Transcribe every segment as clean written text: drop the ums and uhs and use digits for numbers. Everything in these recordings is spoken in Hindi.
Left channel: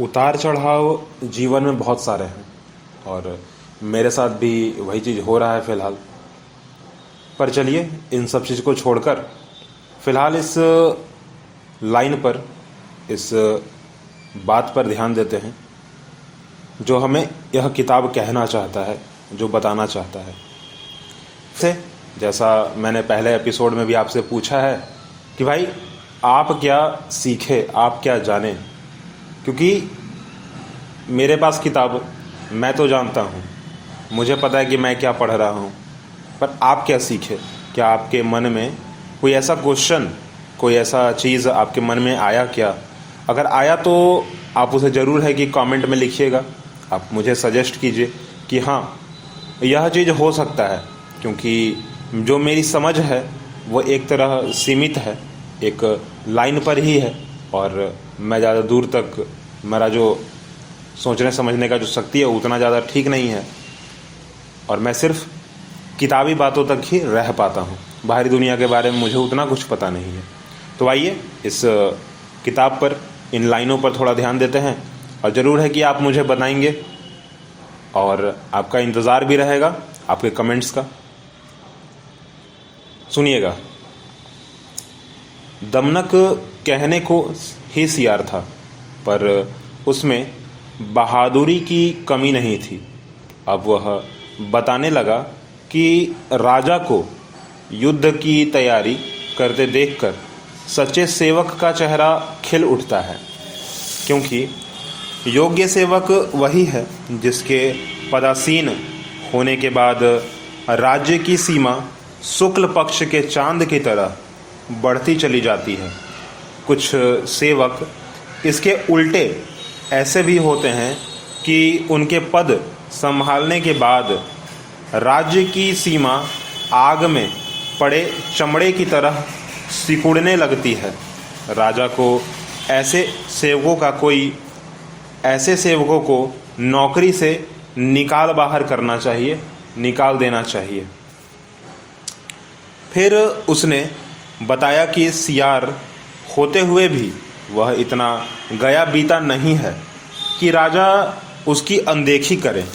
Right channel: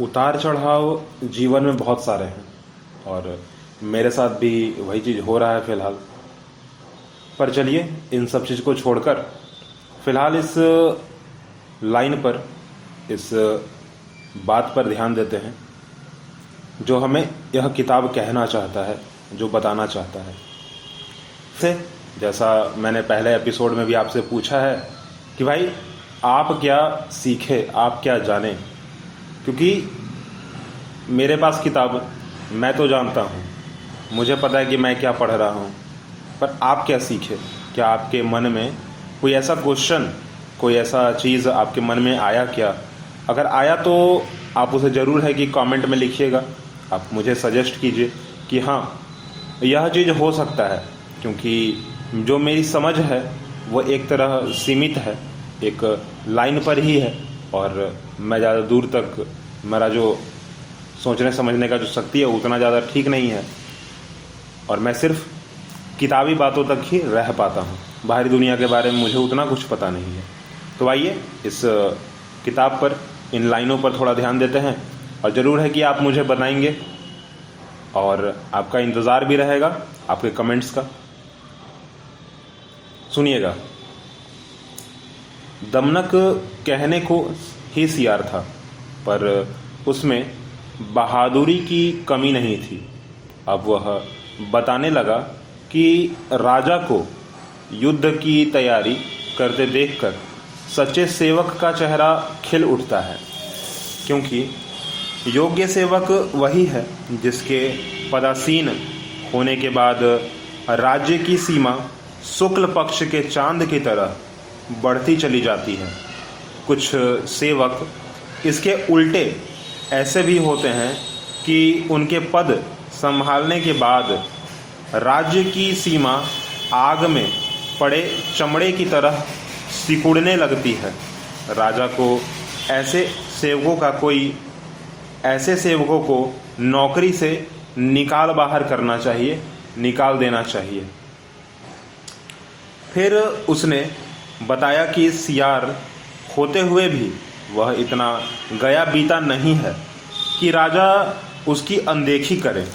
उतार चढ़ाव जीवन में बहुत सारे हैं और मेरे साथ भी वही चीज़ हो रहा है फ़िलहाल। पर चलिए इन सब चीज़ को छोड़कर फ़िलहाल इस लाइन पर, इस बात पर ध्यान देते हैं जो हमें यह किताब कहना चाहता है, जो बताना चाहता है। से जैसा मैंने पहले एपिसोड में भी आपसे पूछा है कि भाई आप क्या सीखे, आप क्या जाने, क्योंकि मेरे पास किताब, मैं तो जानता हूँ, मुझे पता है कि मैं क्या पढ़ रहा हूँ, पर आप क्या सीखे? क्या आपके मन में कोई ऐसा क्वेश्चन, कोई ऐसा चीज़ आपके मन में आया क्या? अगर आया तो आप उसे ज़रूर है कि कमेंट में लिखिएगा, आप मुझे सजेस्ट कीजिए कि हाँ यह चीज़ हो सकता है, क्योंकि जो मेरी समझ है वो एक तरह सीमित है, एक लाइन पर ही है और मैं ज़्यादा दूर तक, मेरा जो सोचने समझने का जो शक्ति है उतना ज़्यादा ठीक नहीं है और मैं सिर्फ किताबी बातों तक ही रह पाता हूँ। बाहरी दुनिया के बारे में मुझे उतना कुछ पता नहीं है। तो आइए इस किताब पर, इन लाइनों पर थोड़ा ध्यान देते हैं और ज़रूर है कि आप मुझे बताएंगे और आपका इंतज़ार भी रहेगा आपके कमेंट्स का। सुनिएगा। दमनक कहने को ही सियार था, पर उसमें बहादुरी की कमी नहीं थी। अब वह बताने लगा कि राजा को युद्ध की तैयारी करते देखकर सच्चे सेवक का चेहरा खिल उठता है, क्योंकि योग्य सेवक वही है जिसके पदासीन होने के बाद राज्य की सीमा शुक्ल पक्ष के चांद की तरह बढ़ती चली जाती है। कुछ सेवक इसके उल्टे ऐसे भी होते हैं कि उनके पद संभालने के बाद राज्य की सीमा आग में पड़े चमड़े की तरह सिकुड़ने लगती है। राजा को ऐसे सेवकों को नौकरी से निकाल बाहर करना चाहिए, निकाल देना चाहिए। फिर उसने बताया कि सियार होते हुए भी वह इतना गया बीता नहीं है कि राजा उसकी अनदेखी करे।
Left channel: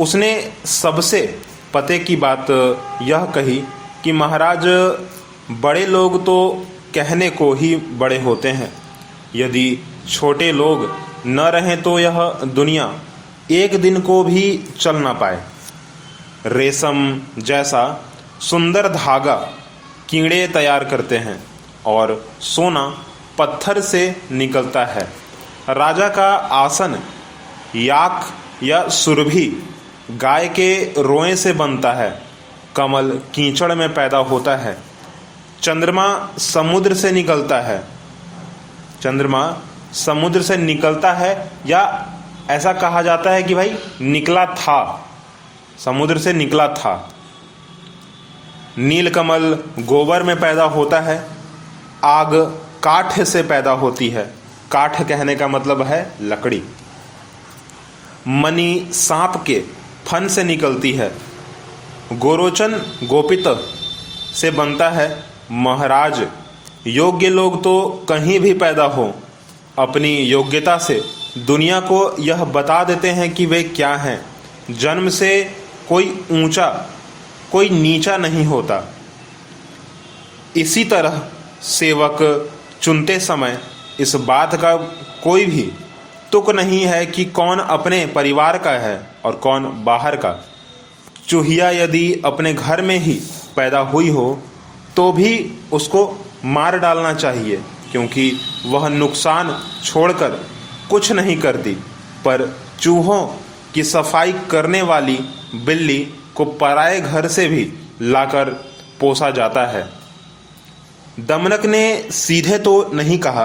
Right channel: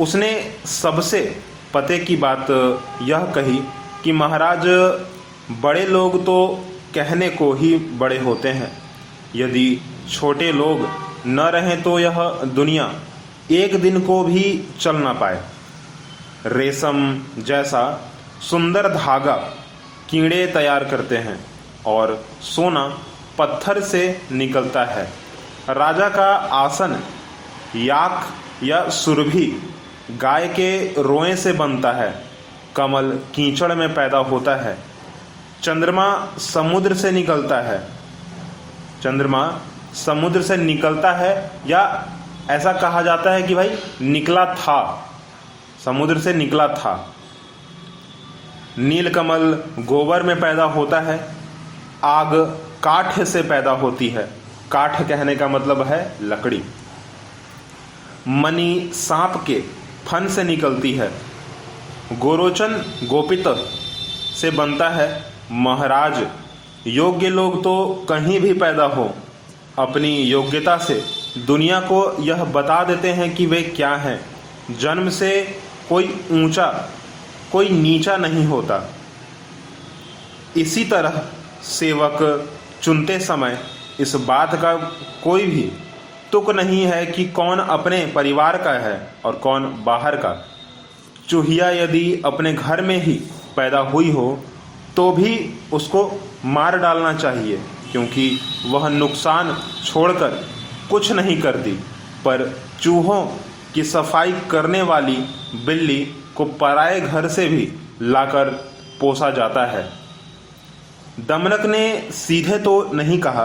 उसने सबसे पते की बात यह कही कि महाराज, बड़े लोग तो कहने को ही बड़े होते हैं, यदि छोटे लोग न रहें तो यह दुनिया एक दिन को भी चल ना पाए। रेशम जैसा सुंदर धागा कीड़े तैयार करते हैं और सोना पत्थर से निकलता है। राजा का आसन याक या सुरभि गाय के रोए से बनता है। कमल कीचड़ में पैदा होता है। चंद्रमा समुद्र से निकलता है, या ऐसा कहा जाता है कि भाई निकला था, समुद्र से निकला था। नीलकमल गोबर में पैदा होता है। आग काठ से पैदा होती है। काठ कहने का मतलब है लकड़ी। मणि सांप के फन से निकलती है। गोरोचन गोपित से बनता है। महाराज, योग्य लोग तो कहीं भी पैदा हो, अपनी योग्यता से दुनिया को यह बता देते हैं कि वे क्या हैं। जन्म से कोई ऊंचा कोई नीचा नहीं होता। इसी तरह सेवक चुनते समय इस बात का कोई भी तुक नहीं है कि कौन अपने परिवार का है और कौन बाहर का। चूहिया यदि अपने घर में ही पैदा हुई हो तो भी उसको मार डालना चाहिए, क्योंकि वह नुकसान छोड़कर कुछ नहीं करती। पर चूहों की सफाई करने वाली बिल्ली को पराये घर से भी लाकर पोसा जाता है। दमनक ने सीधे तो नहीं कहा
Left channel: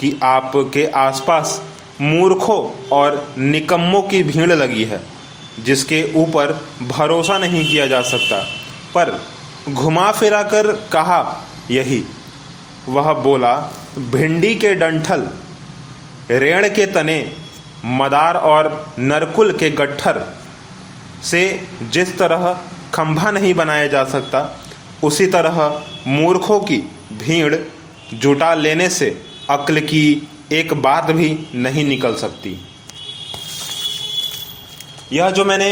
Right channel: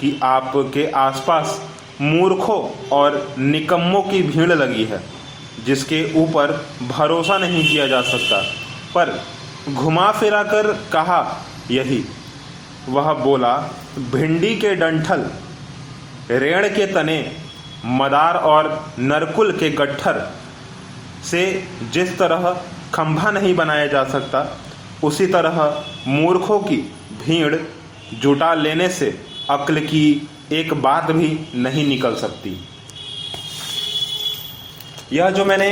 कि आपके आसपास मूर्खों और निकम्मों की भीड़ लगी है जिसके ऊपर भरोसा नहीं किया जा सकता, पर घुमा फिरा कर कहा यही। वह बोला, भिंडी के डंठल, रेड़ के तने, मदार और नरकुल के गट्ठर से जिस तरह खंभा नहीं बनाया जा सकता, उसी तरह मूर्खों की भीड़ जुटा लेने से अक्ल की एक बात भी नहीं निकल सकती। यह जो मैंने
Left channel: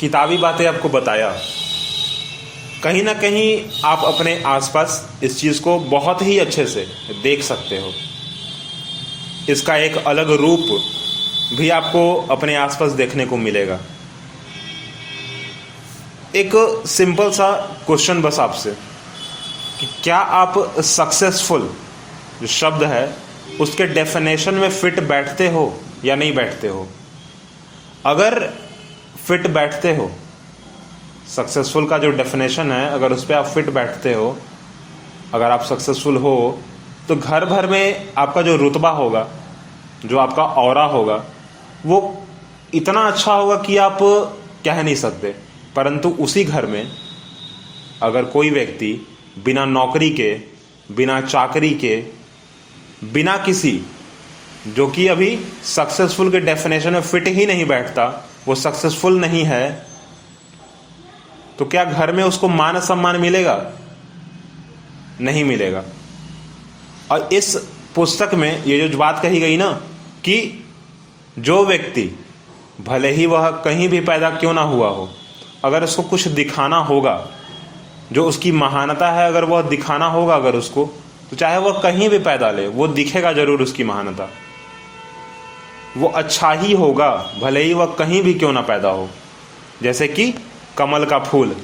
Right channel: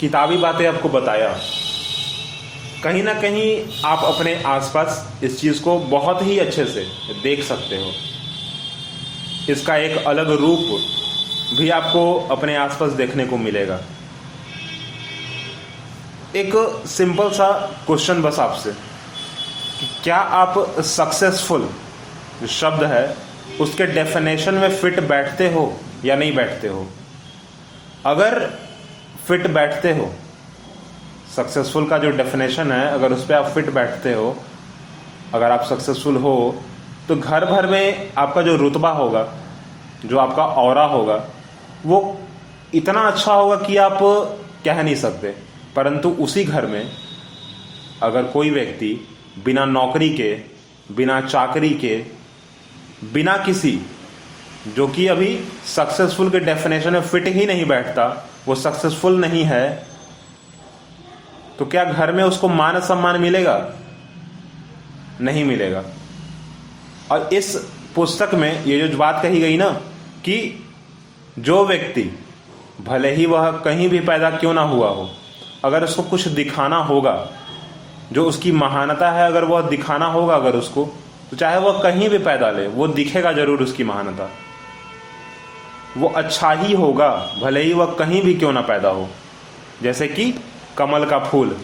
किताबी बातें आपको बताया, कहीं ना कहीं आप अपने आसपास इस चीज़ को बहुत ही अच्छे से देख सकते हो। इसका एक अलग रूप भी आपको अपने आसपास देखने को मिलेगा। एक सिंपल सा क्वेश्चन बस आपसे, कि क्या आप सक्सेसफुल जो शब्द है उसके डेफिनेशन में फिट बैठते हो या नहीं बैठते हो? अगर फिट बैठते हो, सक्सेसफुल का जो डेफिनेशन है अगर उस पर आप फिट बैठते हो, अगर आप सक्सेसफुल हो, तो घर भर में आपका जो रुतबा होगा, जो आपका ऑरा होगा, वो इतना अच्छा होगा कि आप कह नहीं सकते। परंतु उसी घर में अगर कोई व्यक्ति बिना नौकरी के, बिना चाकरी के, बिना किसी, जो कि अभी सक्सेसफुल के डेफिनेशन में फिट ही नहीं बैठता, वो सक्सेसफुल नहीं है, तो क्या घर में उसको मान सम्मान मिलेगा? नहीं मिलेगा। और इस पुस्तक में ये जो बात कही गई ना, कि जो व्यक्ति भले ही वह कहीं भी पैदा क्यों ना हुआ हो, अगर उसको कुछ दिखाना होगा, जो उसकी महानता है अगर वह दिखाना होगा अगर उसको, तो चाहे वह कहीं भी पैदा ले, वो दिखेगा जरूर उसकी महानता। वो अच्छा ही होगा भले ही वह कहीं भी क्यों ना पैदा हो। जैसे कि कमल का फूल,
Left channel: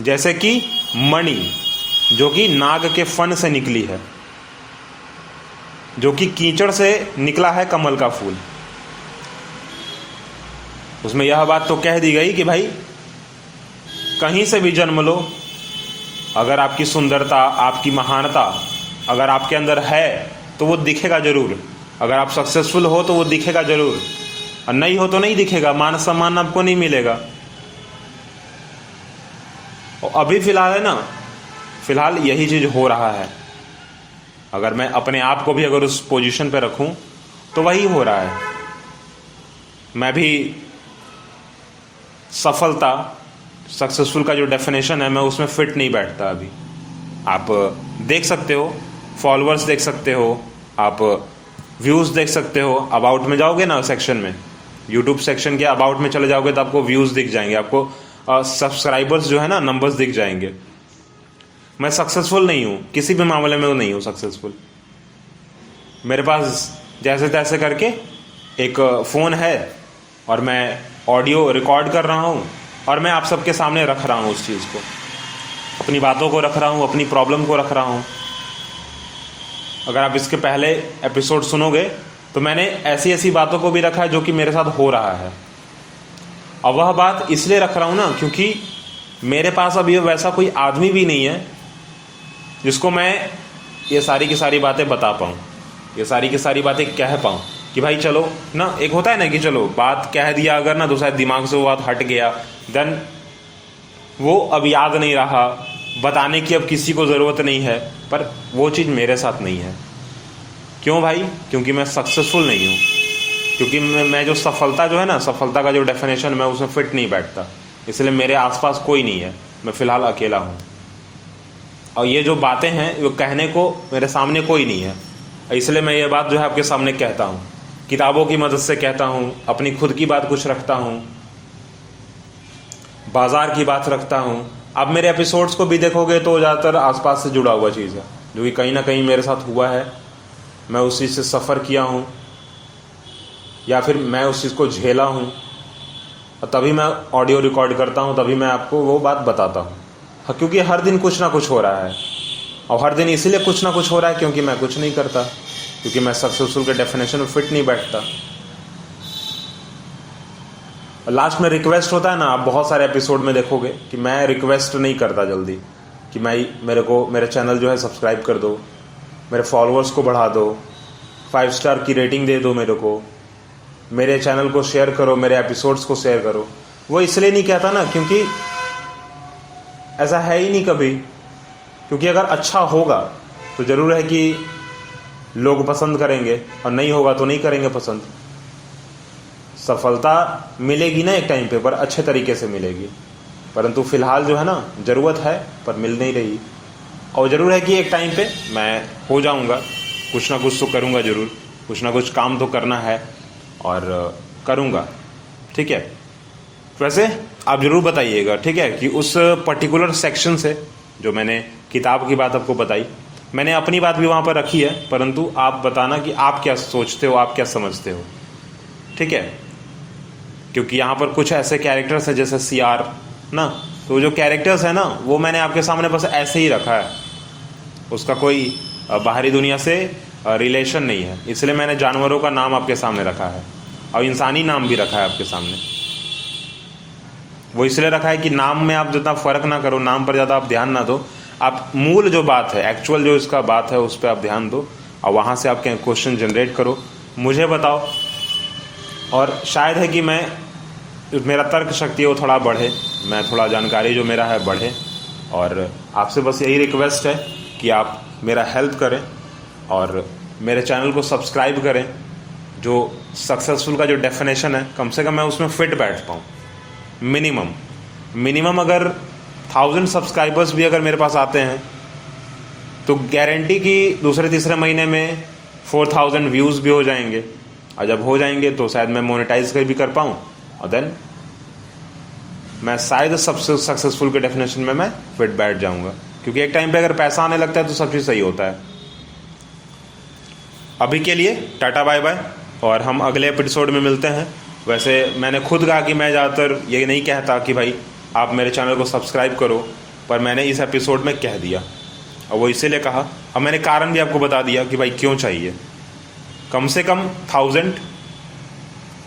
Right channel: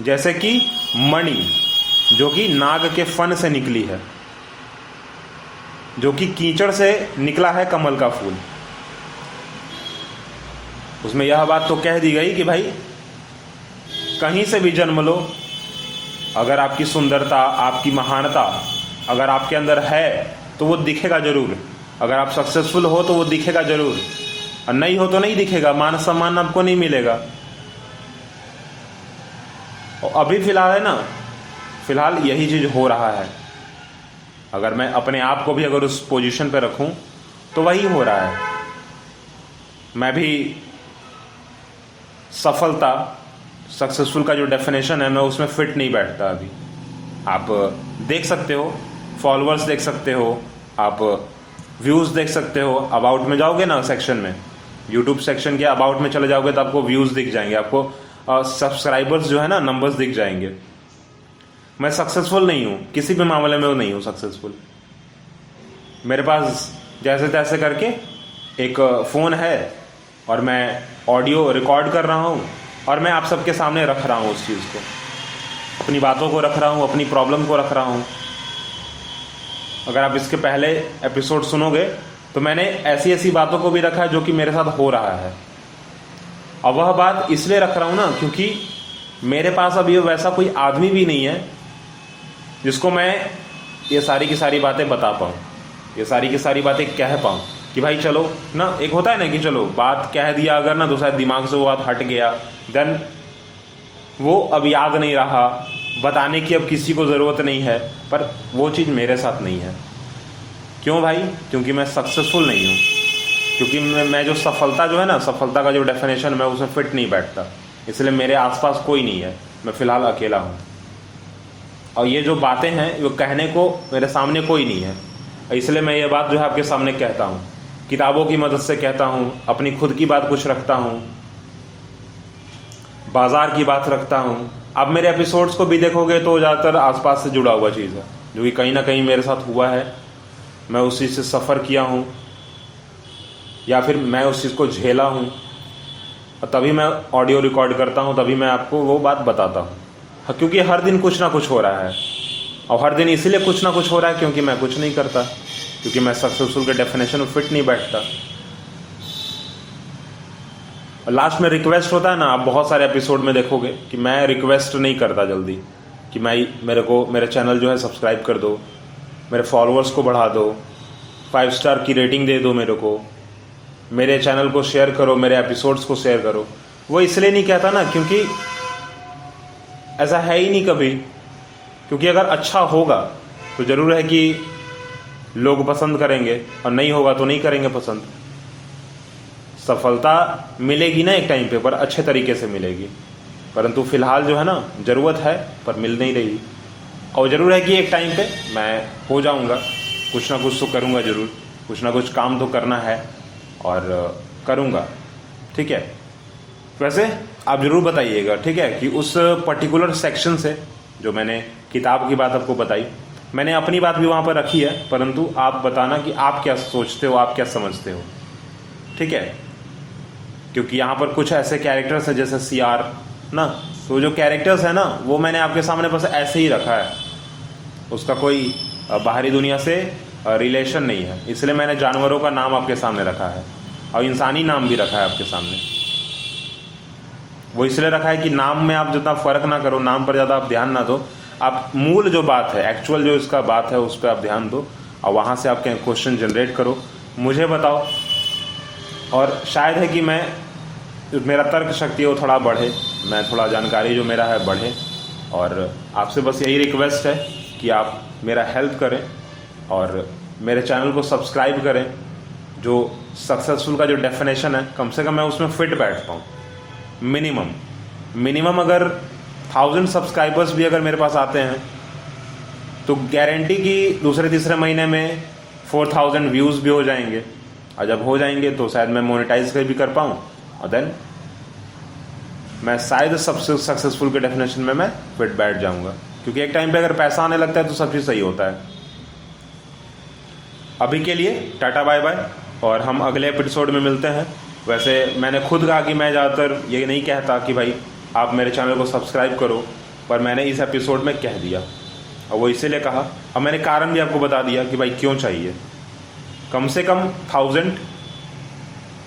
जैसे कि मणि जो कि नाग के फन से निकली है, जो कि कीचड़ से निकला है कमल का फूल। उसमें यह बात तो कह दी गई कि भाई कहीं से भी जन्म लो, अगर आपकी सुंदरता, आपकी महानता अगर आपके अंदर है तो वो दिखेगा जरूर। अगर आप सक्सेसफुल हो तो वो दिखेगा जरूर, और नहीं हो तो नहीं दिखेगा, मान सम्मान आपको नहीं मिलेगा। और अभी फिलहाल है ना, फिलहाल यही चीज़ हो रहा है। अगर मैं अपने आप को भी अगर उस पोजीशन पे रखूं तो वही हो रहा है। मैं भी सफलता, सक्सेसफुल का जो डेफिनेशन है, मैं उसमें फिट नहीं बैठता अभी। आप देख सकते हो, फॉलोअर्स देख सकते हो, आप व्यूज़ देख सकते हो। अबाउट में जाओगे ना सेक्शन में, यूट्यूब सेक्शन के अबाउट में चले जाओगे तो आपको व्यूज़ दिख जाएंगे, आपको सब्सक्राइबर्स जो है ना, नंबर्स दिख जाएंगे। मैं सक्सेसफुल नहीं हूँ, किसी भी मामले में वो नहीं हूँ सक्सेसफुल। मेरे पास जैसे तैसे करके एक फ़ोन है और मैं ऑडियो रिकॉर्ड कर रहा हूँ और मैं आप सबके सामने रख रहा हूँ उस चीज़ को, अपनी बातों को रख रहा हूँ, अपनी प्रॉब्लम को रख रहा हूँ। अगर आप इसके पहले एपिसोड सुनोगे तो मैंने ऐसी ऐसी बातों को भी रखा है जो कि मेरे साथ हो रहा है। और वह बात इसलिए रख रहा हूँ ना, क्योंकि मेरे पास अब ये वैसा कोई आदमी भी नहीं है जिसको मैं ये सारी की सारी बातें बता पाऊँ, ये सारी की सारी बातें कह पाऊँ कि भाई चलो ना। एक होता है ना कि चलो बात कह दिया अगर ना, तो शायद दिमाग से वो बात हट गया, देन वो अब याद नहीं रहा, बताने की अब किसी को ज़रूरत नहीं है। पर वो चीज़ मेरे साथ नहीं है। क्यों भाई? क्योंकि मैं सक्सेसफुल नहीं हूँ, क्योंकि मैं जो सफलता जो है ना, सफलता का जो डेफिनेशन, मैं उसमें फिट नहीं बैठता। इसलिए मेरे आसपास कोई नहीं है, मैं फ़िलहाल अकेला हूँ। और ये जो बातें हैं वो कहने को मेरे सामने कोई नहीं है, इसलिए मैं ये बात जो है आपके सामने कहता हूँ। किताबों की मदद से कहता हूँ, अपनी खुद की बात कुछ रखता हूँ, बाज़ार की बात रखता हूँ। आप मेरे एपिसोड्स को भी देखोगे तो ज़्यादातर आसपास से जुड़ा हुआ चीज़ है, जो कि कहीं ना कहीं मेरे साथ हुआ है, मैं उस चीज़ से सफ़र किया हूँ या फिर मैं उस चीज़ को झेला हूँ, और तभी मैं ऑडियो रिकॉर्ड करता हूँ, तभी मैं आपको वो बात बताता हूँ। क्योंकि हर दिन कुछ ना कुछ हो रहा है, और हर दिन इसलिए कुछ ना कुछ हो रहा है क्योंकि मैं कुछ नहीं करता, क्योंकि मैं सक्सेसफुल के डेफिनेशन में फिट नहीं बैठता। लास्ट में रिक्वेस्ट होता है ना, आप बहुत सारे एपिसोड में देखोगे कि मैं रिक्वेस्ट नहीं करता जल्दी कि मेरे चैनल जो है सब्सक्राइब कर दो, मेरे फॉलोअर्स को बढ़ा दो, 5 स्टार की रेटिंग दे दो मेरे को, मेरे चैनल को शेयर करो, मेरे एपिसोड्स को शेयर करो। वो इसलिए नहीं कहता ना क्योंकि ऐसा है ही नहीं कभी। क्योंकि अगर अच्छा होगा तो ज़रूर है कि लोग पसंद करेंगे, और नहीं होगा तो नहीं करेंगे पसंद। सफलता मिलेगी ना एक टाइम पे, पर अच्छे तरीके से मिलेगी। परंतु फ़िलहाल जो है ना, ज़रूरत है पर मिल नहीं रही। और ज़रूर है कि एक टाइम पे मैं हो जाऊंगा, कुछ ना कुछ तो करूंगा ज़रूर, कुछ ना कुछ काम तो करना है और करूंगा। ठीक है, वैसे आप ज़रूर बताइएगा, ठीक है, कि उस पर्टिकुलर सेक्शन से जो मैंने किताब की बात आपको बताई, मैंने अपनी बात भी वहाँ पर रखी है, परंतु आप बताना कि आप क्या सोचते हो, आप क्या समझते हो। ठीक है, क्योंकि यहाँ पर कुछ ऐसे कैरेक्टर्स हैं जैसे CR ना, तो जो कैरेक्टर्स है ना वो मैंने आपके सामने बस ऐसे ही रखा है, उसका कोई बाहरी दुनिया से रिलेशन नहीं है, इसलिए मैंने जानवरों का नाम आपके सामने रखा है और इंसानी नाम भी रखा है आपके सामने। वो इसलिए रखा है कि नाम में आप जितना फ़र्क ना करो, नाम पर ज़्यादा आप ध्यान ना दो, आप मूल जो बात है, एक्चुअल जो इसका बात है उस पर आप ध्यान दो और वहाँ से आप क्वेश्चन जनरेट करो, मुझे बताओ। और शायद है कि मेरा तर्क शक्ति वो थोड़ा बढ़े, मैं थोड़ा जानकारी जो मेरा है बढ़े, और आपसे बस यही रिक्वेस्ट है कि आप मेरा हेल्प करें और मेरे चैनल को सब्सक्राइब करें। जो सक्सेसफुल का जो डेफिनेशन है, कम से कम मैं उसमें फिट बैठ पाऊँ। मिनिमम अगर 1000 सब्सक्राइबर्स भी अगर मेरे पास आते हैं तो गारंटी कि दूसरे तीसरे महीने में 4000 व्यूज़ भी हो जाएंगे, और जब हो जाएंगे तो शायद मैं मोनेटाइज भी कर पाऊँ, और देन मैं शायद सबसे सक्सेसफुल के डेफिनेशन में मैं फिट बैठ जाऊंगा, क्योंकि एक टाइम पे अगर पैसा आने लगता है तो सब चीज़ सही होता है। अभी के लिए टाटा बाय बाय, और हम अगले एपिसोड में मिलते हैं। वैसे मैंने खुद कहा कि मैं ज़्यादातर ये नहीं कहता कि भाई आप मेरे चैनल को सब्सक्राइब करो, पर मैंने इस एपिसोड में कह दिया, और वो इसीलिए कहा, और मैंने कारण भी आपको बता दिया कि भाई क्यों चाहिए। कम से कम 1000,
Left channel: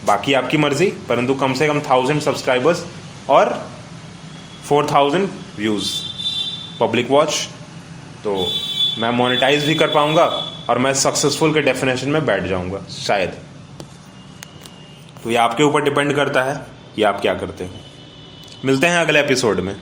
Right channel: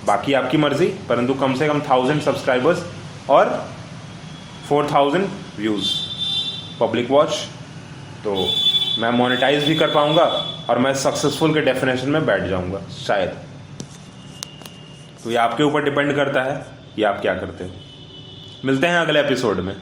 बाकी आपकी मर्ज़ी, परंतु कम से कम 1000 सब्सक्राइबर्स और 4000 व्यूज़ पब्लिक वॉच, तो मैं मोनेटाइज भी कर पाऊँगा और मैं सक्सेसफुल के डेफिनेशन में बैठ जाऊँगा शायद। तो ये आपके ऊपर डिपेंड करता है कि आप क्या करते हो। मिलते हैं अगले एपिसोड में।